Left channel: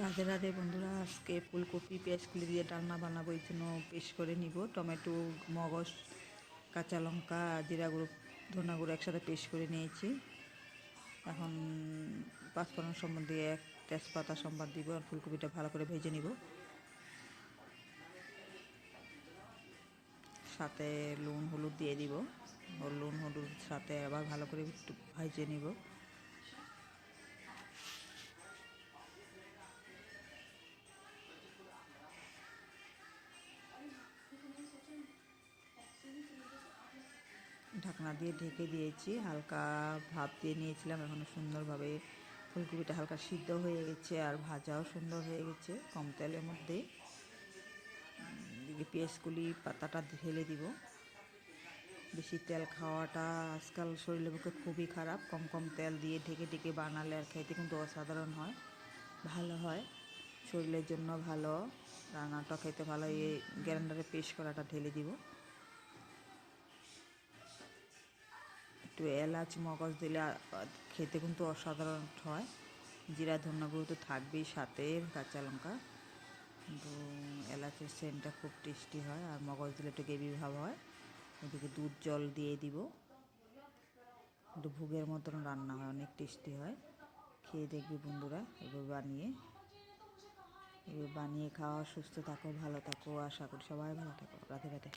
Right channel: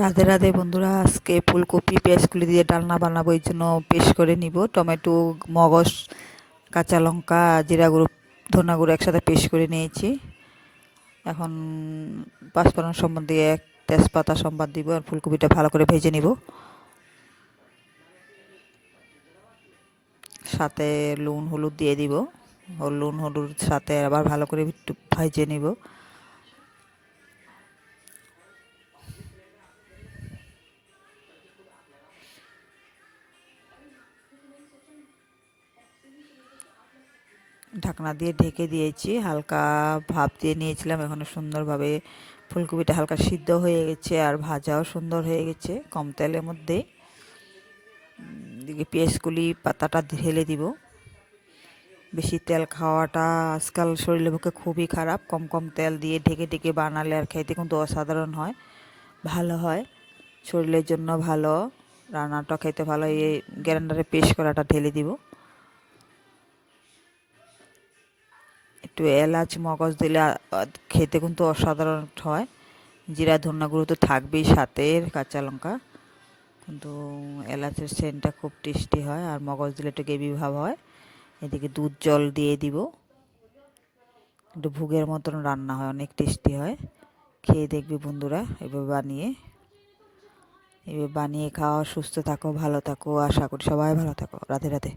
রাধে রাধে বন্ধুরা, আজকে ফুলকপি পেঁয়াজকলি দিয়ে ডালনা বানাবো। এই জন্য পেস্ট করে নিব টমেটো, মগজ, কাঁচা লঙ্কা, জিরা গুঁড়ো, ধনা গুঁড়ো একসাথে পেস্ট করে নিয়েছি। এখন পাঁচফোড়ন সম্বাদ দিয়ে এক তেজপাতা সম্বাদ দিব আর ফুলকপিটা ভালো করে ভেজে নিব। সাথে নুন হলুদ দিয়ে দিব। নুন হলুদ সাথে আবার ভালো করে একটু ভেজে নিব। ঢাকনা দিয়ে ঢেকে দিয়েছি, হালকা ভাপ দিয়ে নিয়েছিলাম। এখন সুন্দরভাবে ফুলকপিটা হালকা সিদ্ধ হয়ে গেছে আর ভাজাও সুন্দর হয়ে গেছে কম তেলের মধ্যে। দিকে পেঁয়াজগুলি পাতাটা ঢেলে দিব। বেশি তেল খাওয়াটা আজকাল শরীরের পক্ষে খুবই খারাপ। কম কম তেল দিয়ে ঢেকে ঢেকে বানালে আর খেতে কিন্তু অসাধারণ হয়, ভালো হয়, শরীরের জন্য ভালো, রান্নাটা খেতে ভালো। এই গ্রাইন্ডারে পেস্ট করাটা ঢেলে দিব। একটু এলাচ মগজ দিলে খেতে কিন্তু অসাধারণ হয়। জিরা ধনিয়া গুঁড়ো তো থাকবেই, সাথে কাঁচা লঙ্কা, কিন্তু এলাচের সেন্টটা খুব টেস্টি হয় আর মগজ দিলে একটু গ্রেভি ভাব হয়। এদিকে দুধ জল দিয়ে দিব, একটু ভুগের মতন রান্না হয়, অনেক টেস্টি হয়। খেয়ে দেখবি বন্ধুরা, এভাবে বানিয়ে খাওয়া। সুস্থ থাকো, ভালো থাকো, আশা করি সবাই ভালো থাকো। রাধে রাধে।